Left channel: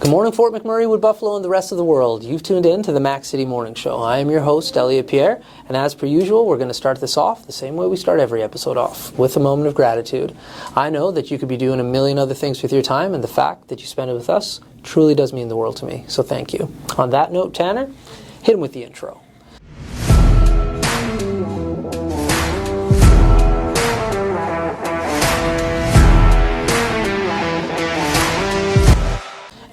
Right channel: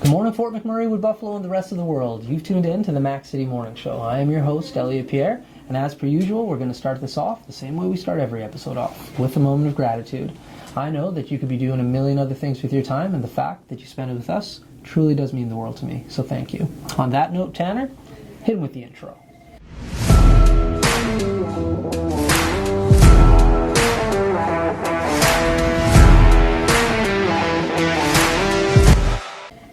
Good morning, Fort McMurray, Wood Buffalo, and the rest of the world. You've tuned in to the Mac City Morning Show. I am your host, Elliot Pierre, and as per usual, we're going to start this off the same way we start every episode off, with a moment of gratitude. I know that you could be doing a million other things with your time, and the fact that you spend it with us truly does mean the world to me, so thank you. On that note, Tanner, hit him with the intro.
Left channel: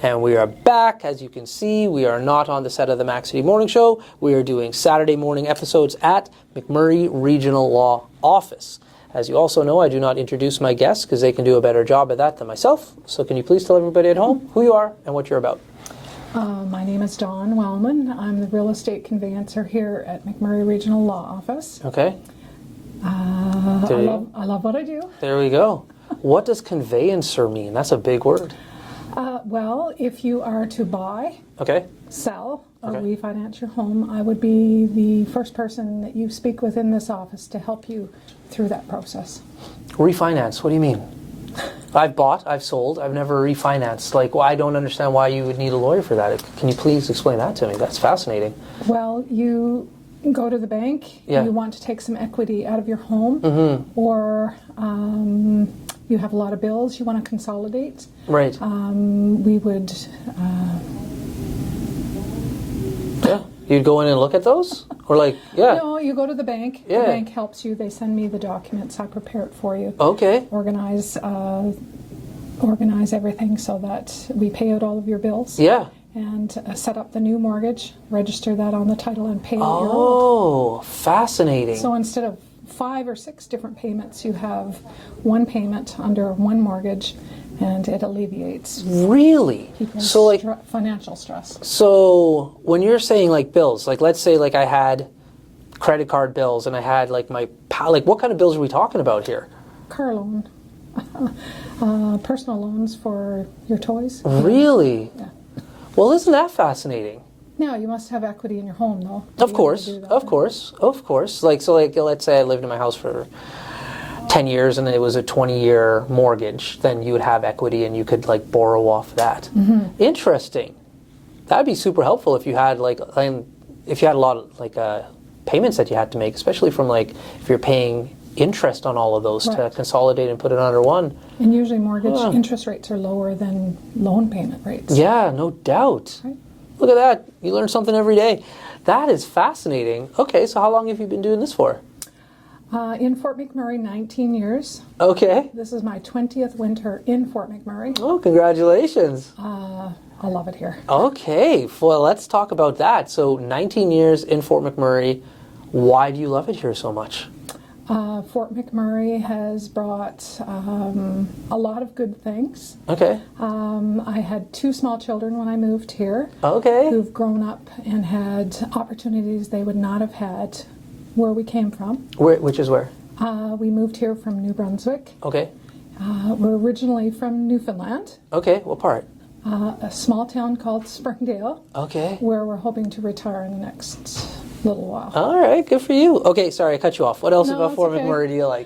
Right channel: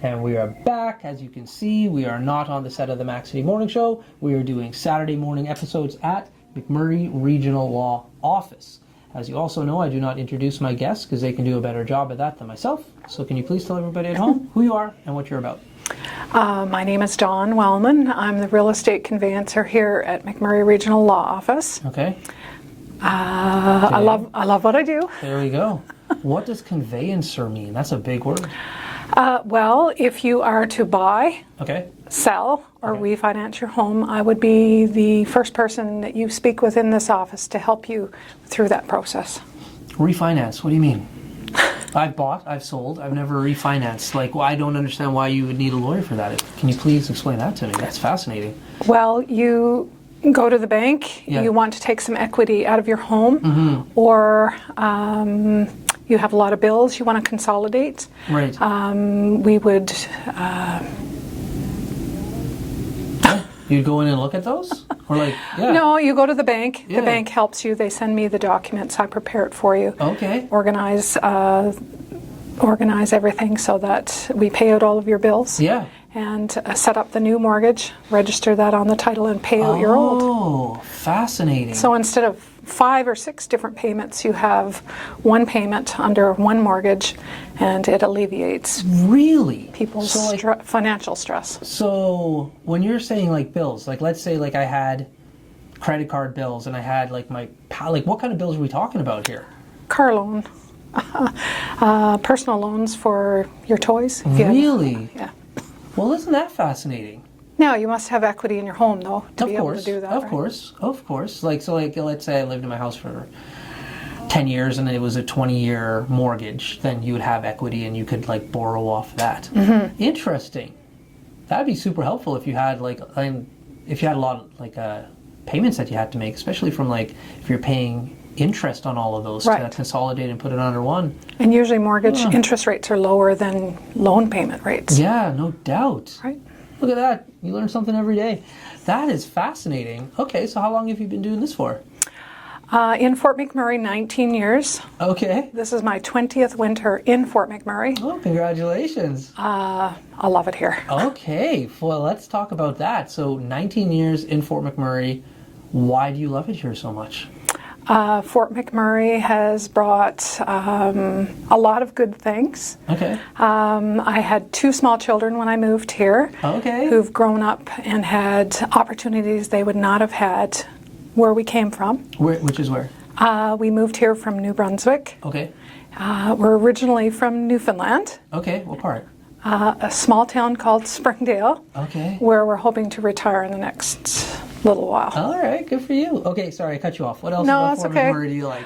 And we are back. As you can see, we are not on the set of the Mac City Morning Show. We are doing Saturday morning episodes at McMurray Regional Law Office. As you also know, I do not introduce my guests because they can do a better job at that than myself. So can you please tell everybody at home who you are and what you're about? My name is Dawn Wellman. I'm the real estate conveyancer here at McMurray Regional Law Office. Okay. I love what I do. There we go. What does conveyancer mean? That's a big word. Well, if you are to buy, sell, or refinance your home, I would be the first person that you speak with in this office to help you through that process. Refinance, what do you mean? I've bought, I've sold, I've never refinanced. I don't understand why you would need a lawyer for that. Can you please explain that to me? That's fascinating. Well, you go to the bank, you want to take some equity out of your home, or you have a lot of bills you want to consolidate. Right. We would... You'd go in and look at those? Or No, you go to the bank. Yeah. The bank helps you. They send me the documents. I prepare it for you. Okay. Organize everything so that we pay out all of your bills. Yeah. And set up the new mortgage, register that on the title, and pay out your old. Oh, fascinating. So instead of 5 or 6 different payments, you have one payment under one mortgage, and it alleviates people's financial stress. So when you're saying bills, let's say I had credit card bills and I had my what kind of bills are we talking about here? Car loan, personal loans for your toys. Really? Yeah. Well, isn't that fascinating? Now, you must have equity in your home, though, to be able to do that. Of course. Let's say I lived in my house for 10 years and it was a 20-year mortgage, then you would have equity and you could borrow off that. Mm-hmm. Interesting. That would be super helpful if you had if you had a lot of payments that you had to make, especially from if you're paying interest on all of those to consolidate and put it under one. And usually mortgage interest rates are lower than loan payment rates. Yeah, no doubt. Right. Look at that. You learn something every day. That is fascinating. Okay, so how long have you been doing this for? In Fort McMurray, 19 years. Okay. This is my 20th winter in Fort McMurray. Oh, congratulations. I love it here. Okay, well, let's talk about that. So 19 years in Fort McMurray. Why do you love it here so much? Fort McMurray has brought a lot of good things. Okay. I had 2 small children when I moved here. Okay. Who've grown up and had opportunities they would not have had where we came from. Which is where? We moved here from New Brunswick. Okay. We're originally from Newfoundland. Okay, what part? A small town called Springdale. Okay. Where we're hoping to retire in the next little while. All right, good for you. Okay, sorry, I cut you off. What else about Fort McMurray do you like?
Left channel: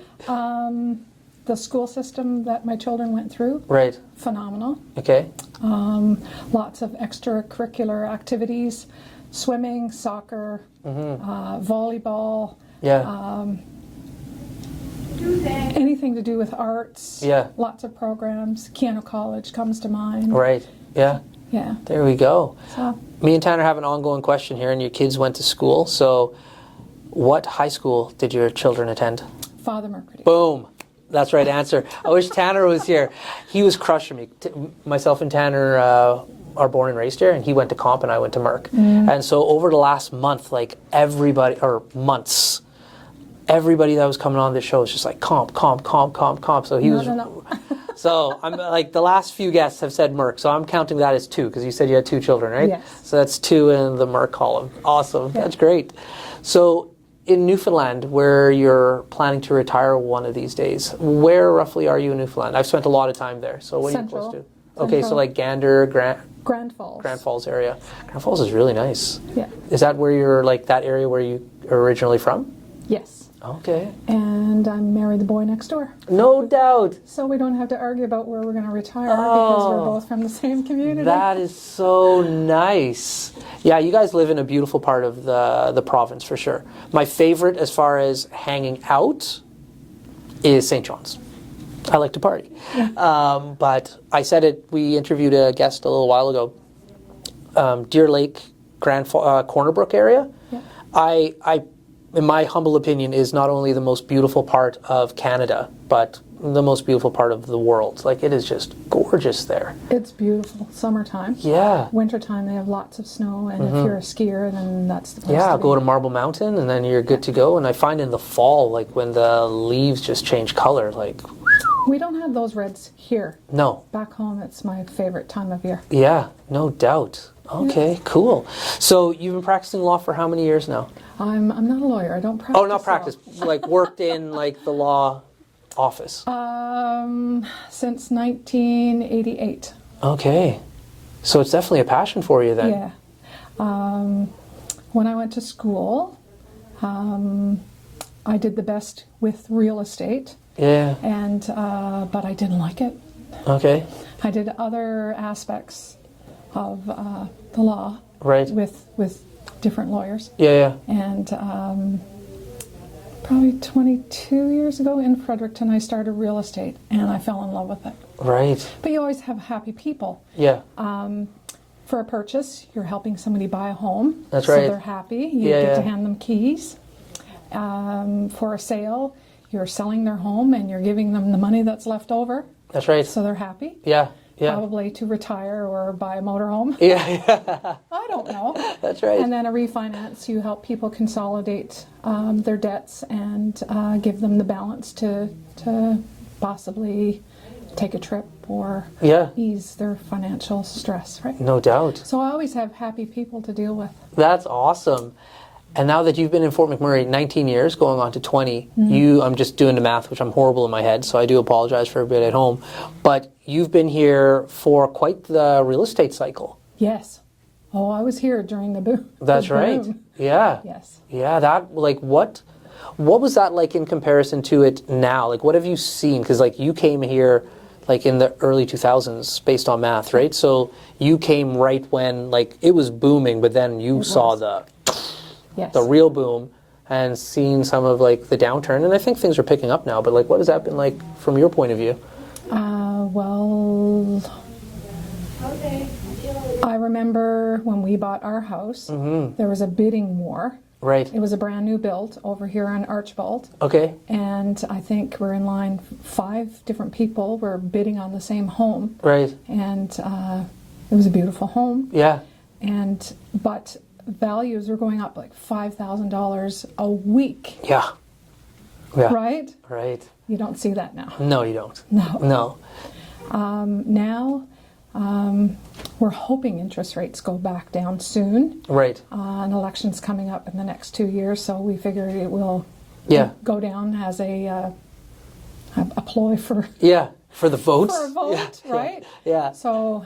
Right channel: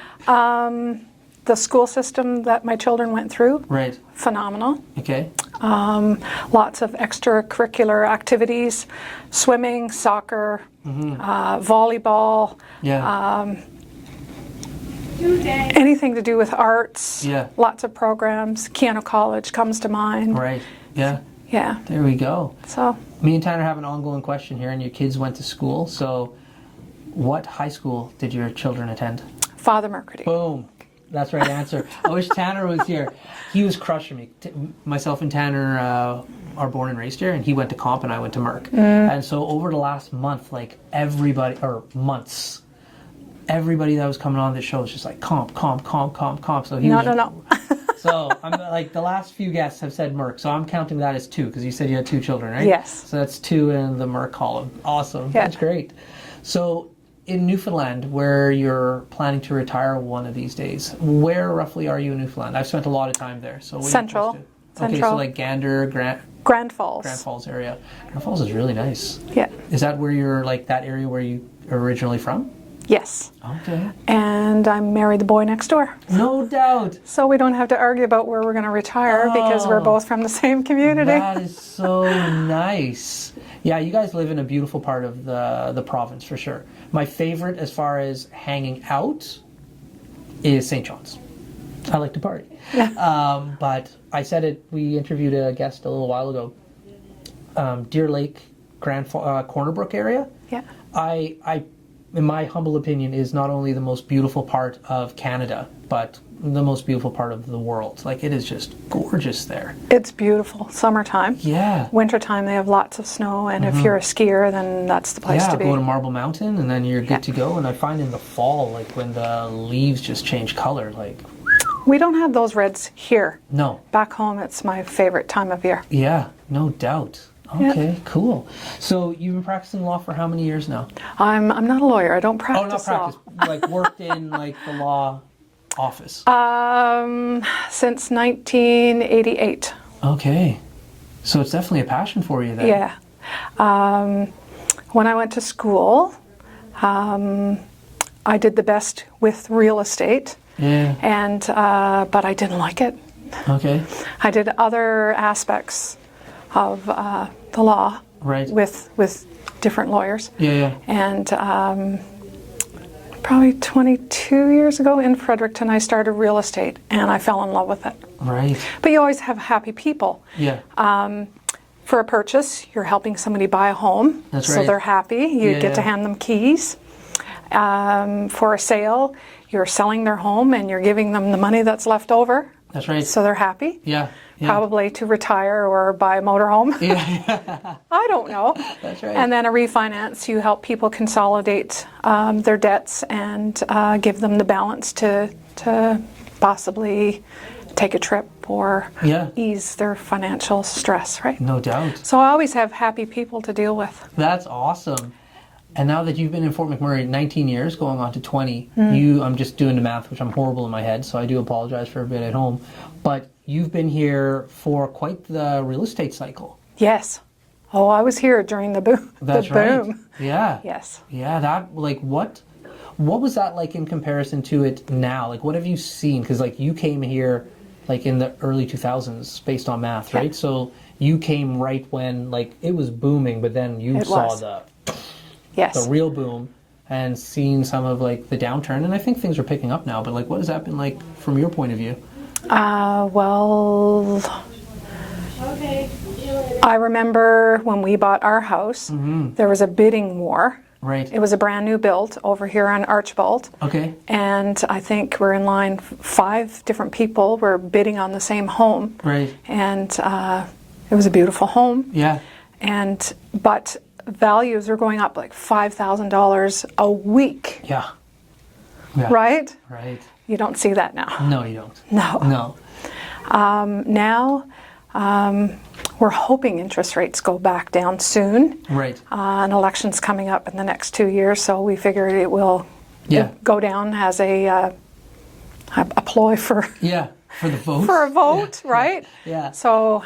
The school system that my children went through. Right. Phenomenal. Okay. Lots of extracurricular activities, swimming, soccer, volleyball. Yeah. Anything to do with arts. Yeah. Lots of programs. Keanu College comes to mind. Right. Yeah. Yeah. There we go. So. Me and Tanner have an ongoing question here, and your kids went to school. So what high school did your children attend? Father Mercredi. Boom. That's the right answer. I wish Tanner was here. He was crushing me. Myself and Tanner are born and raised here, and he went to Comp and I went to Merck. And so over the last month, months, everybody that was coming on the show was just Comp. So he was... No. So I'm the last few guests have said Merck, so I'm counting that as 2 because you said you had 2 children, right? Yes. So that's 2 in the Merck column. Awesome. Yeah. That's great. So in Newfoundland, where you're planning to retire one of these days, where roughly are you in Newfoundland? I've spent a lot of time there. So what Central. Are you close to? Okay, so Gander, Grand Falls. Grand Falls area. Grand Falls is really nice. Yeah. Is that where you're that area where you are originally from? Yes. Okay. And I married the boy next door. No doubt. So we don't have to argue about where we're going to retire because we're both from the same community. That is so nice. Yeah, you guys live in a beautiful part of the province for sure. My favorite as far as hanging out is St. John's. I like to party. Yeah. But I said it, we interviewed a guest a little while ago. Deer Lake, Corner Brook area. Yeah. I, in my humble opinion, is not only the most beautiful part of Canada, but the most beautiful part of the world. Like, it is just gorgeous there. It's beautiful. Summertime. Yeah. Wintertime, they have lots of snow, and if you're a skier, then that's the place to be. Yeah, go to Marble Mountain, and then you're good to go. And I find in the fall, like, when the leaves just change color, like... We don't have those reds here. No. Back home, it's my favorite time of year. Yeah, no doubt. Okay, cool. So you've been practicing law for how many years now? I'm not a lawyer. I don't practice. Oh, not practice. Like worked in like the law office. Since 1988. Okay, so it's definitely a passion for you then. Yeah. When I went to school, I did the best with real estate. Yeah. And but I didn't like it. Okay. I did other aspects of the law, right, with different lawyers. Yeah. And probably 22 years ago in Fredericton, I started real estate, and I fell in love with it. Right. But you always have happy people. Yeah. For a purchase, you're helping somebody buy a home. That's right. So they're happy. You get to hand them keys. For a sale, you're selling their home and you're giving them the money that's left over. That's right. So they're happy. Yeah. Probably to retire or buy a motorhome. Yeah. I don't know. That's right. And then a refinance, you help people consolidate their debts and give them the balance to possibly take a trip or ease their financial stress, right? No doubt. So I always have happy people to deal with. That's awesome. And now that you've been in Fort McMurray 19 years, going on to 20, I'm just doing the math, which I'm horrible in my head, so I do apologize for everybody at home. But you've been here for quite the real estate cycle. Yes. Oh, I was here during the boom. That's right. Yeah. Yes. Yeah, that, like, what was that like in comparison to it now? Like, what have you seen? Because, like, you came here, like, in the early 2000s, based on math, right? So you came right when, like, it was booming, but then you saw the real boom and seeing some of like the downturn, and I think things are picking up now, but like what has that been like from your point of view? Well, I remember when we bought our house, there was a bidding war. Right. It was a brand new build over here on Archibald. Okay. And I think we're in line, 5 different people were bidding on the same home. Right. And it was a beautiful home. Yeah. But values are going up like $5,000 a week. Yeah. Right? Right. You don't see that now. No, you don't. No. Now, we're hoping interest rates go back down soon. Right. An election's coming up in the next 2 years, so we figure it will go down as a ploy for... Yeah, for the vote. For a vote, right? Yeah. So,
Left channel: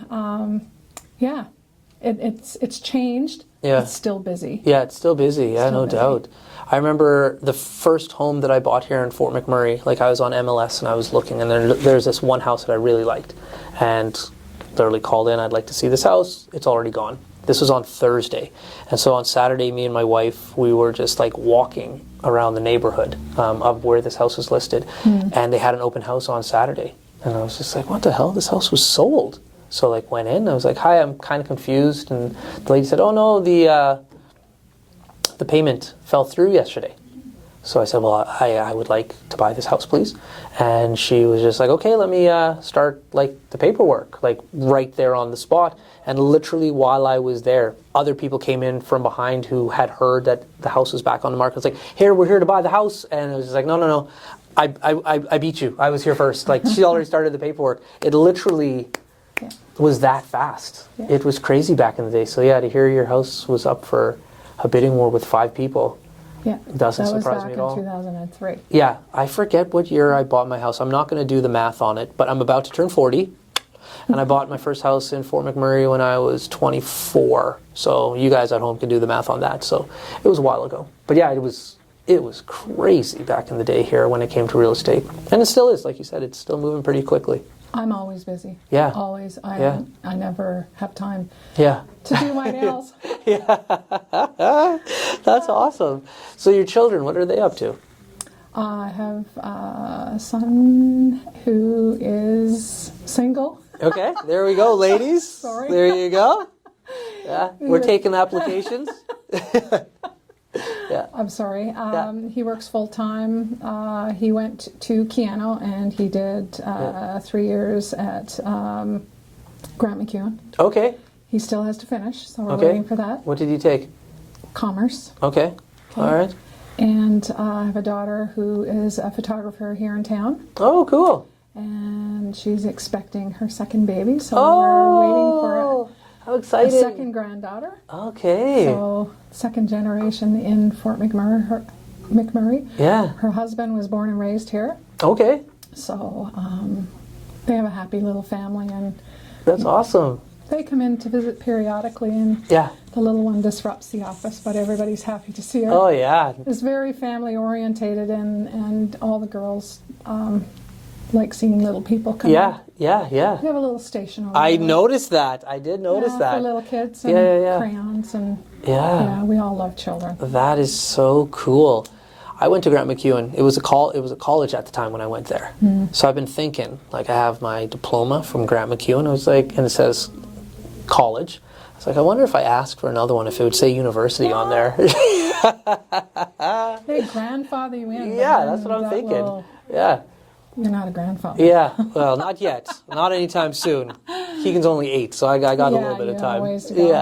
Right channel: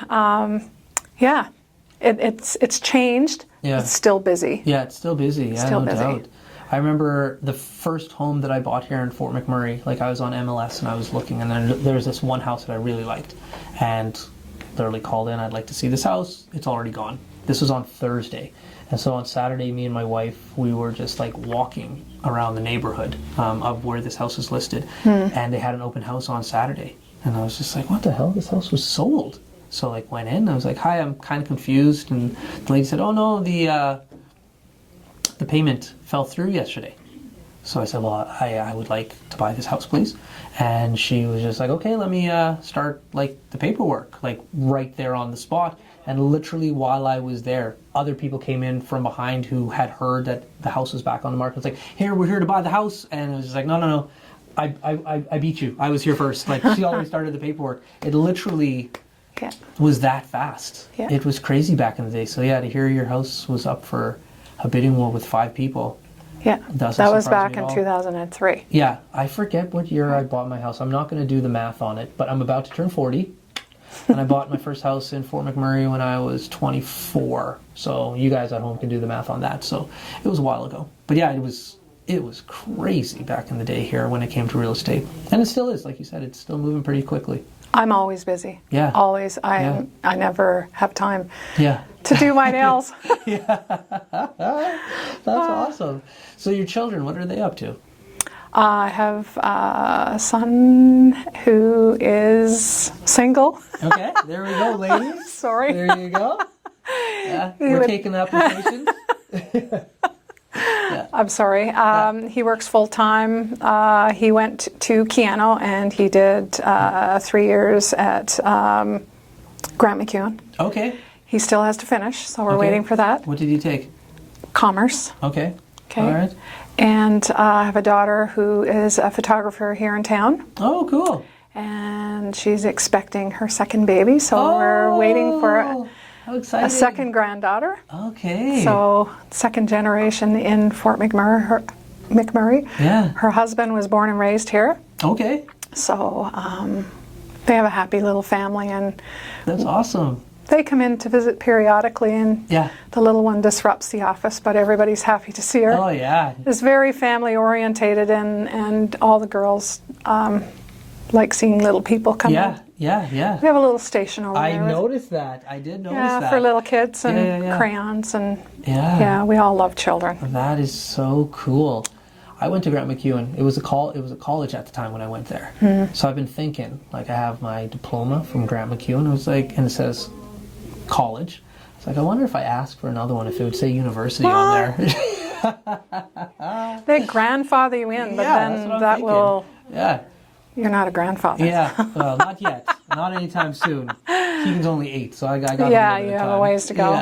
it's changed. Yeah. It's still busy. Yeah, it's still busy. Yeah, still no busy. doubt. I remember the first home that I bought here in Fort McMurray, like I was on MLS and I was looking, and there's this one house that I really liked, and literally called in, I'd like to see this house. It's already gone. This was on Thursday. And so on Saturday, me and my wife, we were just like walking around the neighborhood of where this house was listed, and they had an open house on Saturday. And I was just like, what the hell? This house was sold. So like went in, I was like, hi, I'm kind of confused. And the lady said, oh no, the payment fell through yesterday. So I said, well, I would like to buy this house, please. And she was just like, okay, let me start like the paperwork, like right there on the spot. And literally while I was there, other people came in from behind who had heard that the house was back on the market. It's like, here, we're here to buy the house. And it was just like, no, I beat you. I was here first. Like she already started the paperwork. It literally was that fast. Yeah. It was crazy back in the day. So yeah, to hear your house was up for a bidding war with 5 people. Yeah, that was back in 2003. Yeah, I forget what year I bought my house. I'm not going to do the math on it, but I'm about to turn 40. And I bought my first house in Fort McMurray when I was 24. So you guys at home can do the math on that. So it was a while ago. But yeah, it was it was crazy back in the day here when it came to real estate. And it still is, like you said, it's still moving pretty quickly. I'm always busy. Yeah. Always. I never have time Yeah. to do my nails. That's awesome. So your children, what are they up to? I have a son who is single. Okay, there we go, ladies. Sorry. There you go. Yeah, we're taking applications. Yeah. I'm sorry. He works full time. He went to Keano and he did 3 years at Grant McEwen. Okay. He still has to finish, so we're waiting for that. What did you take? Commerce. Okay. All right. And I have a daughter who is a photographer here in town. Oh, cool. And she's expecting her second baby, so we're waiting for how exciting. a second granddaughter. Okay. So second generation in Fort McMurray. Yeah. Her husband was born and raised here. Okay. So they have a happy little family, and that's awesome. they come in to visit periodically, and the little one disrupts the office, but everybody's happy to see her. Oh, yeah. It's very family orientated, and all the girls like seeing little people come in. Yeah. We have a little station over there. I noticed that. I did notice that. For little kids and crayons, and we all love children. That is so cool. I went to Grant McEwen. It was a college at the time when I went there. So I've been thinking, like, I have my diploma from Grant McEwen. I was like, and it says college. I was like, I wonder if I asked for another one, if it would say university on there. They grandfather you in, but then that's what I'm that thinking. will. Yeah. You're not a grandfather. Yeah. Well, not yet. Not anytime soon. Keegan's only 8, so I got a little bit of time. Yeah, you have a ways to go.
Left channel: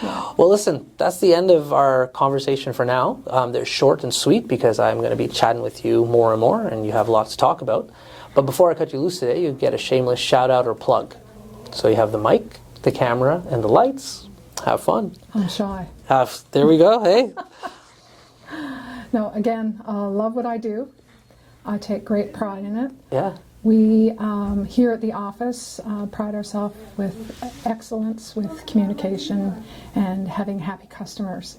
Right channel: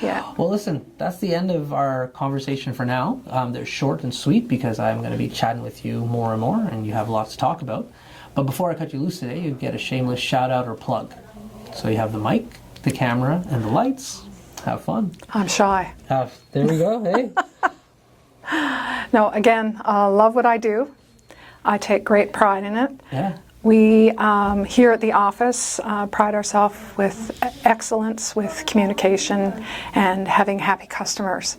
Yeah. Well, listen, that's the end of our conversation for now. They're short and sweet because I'm going to be chatting with you more and more, and you have lots to talk about. But before I cut you loose today, you get a shameless shout out or plug. So you have the mic, the camera, and the lights. Have fun. I'm shy. There we go. Hey. No, again, love what I do. I take great pride in it. Yeah. We, here at the office, pride ourselves with excellence, with communication, and having happy customers.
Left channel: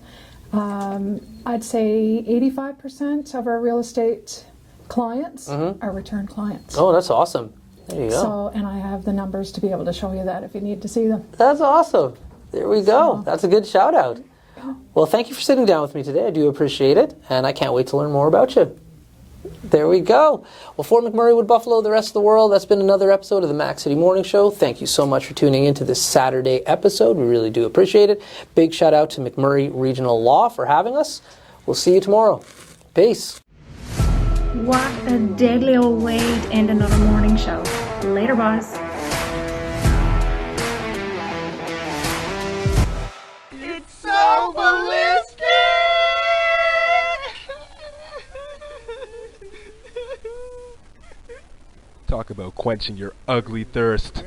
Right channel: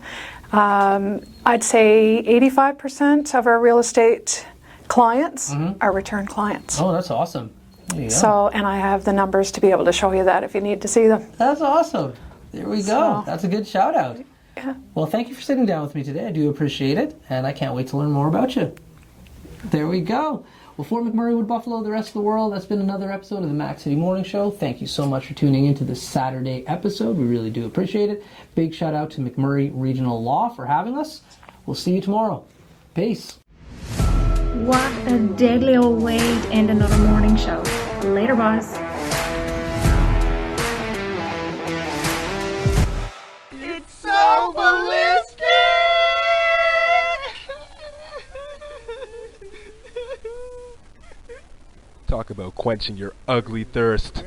I'd say 85% of our real estate clients are return clients. Oh, that's awesome. There you go. So, and I have the numbers to be able to show you that if you need to see them. That's awesome. There we go. That's a good shout out. Yeah. Well, thank you for sitting down with me today. I do appreciate it, and I can't wait to learn more about you. There we go. Well, Fort McMurray, Wood Buffalo, the rest of the world, that's been another episode of the Mac City Morning Show. Thank you so much for tuning into this Saturday episode. We really do appreciate it. Big shout out to McMurray Regional Law for having us. We'll see you tomorrow. Peace. What a deadly old way to end another morning show. Later, boss. It's so ballistic! Talk about quenching your ugly thirst.